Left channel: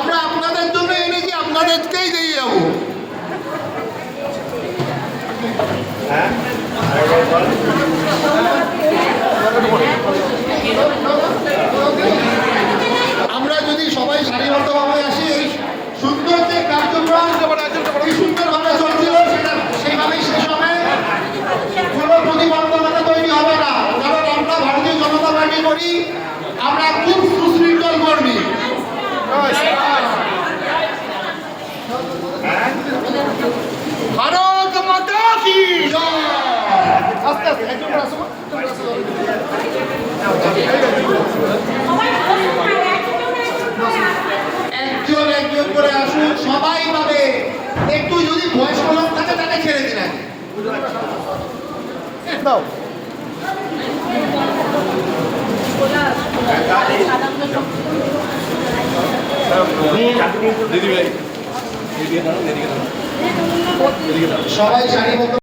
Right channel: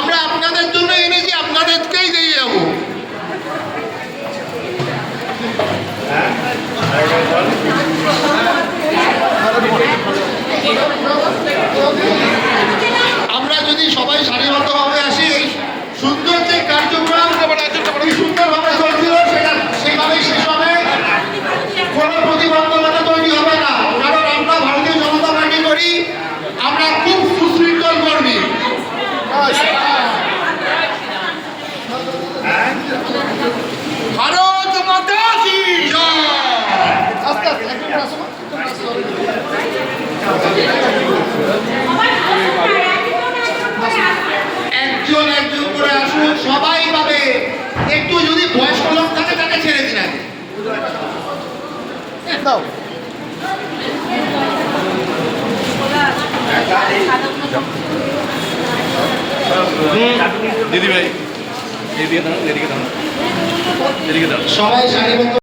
আমরা আপনাদের জন্য এনেছি আপনাদেরকেই দিয়ে যাবো ভারত মাতা কি জয়। আস্তে আস্তে একজন করে একজন একজন করে আসুন সবাই পাবে। একটু যদি বয়স্ক লোক থাকে তাকে ছেড়ে দিন দাও দিদি ভাই। జరిగేదాను జరిగేదాను జరిగేదాను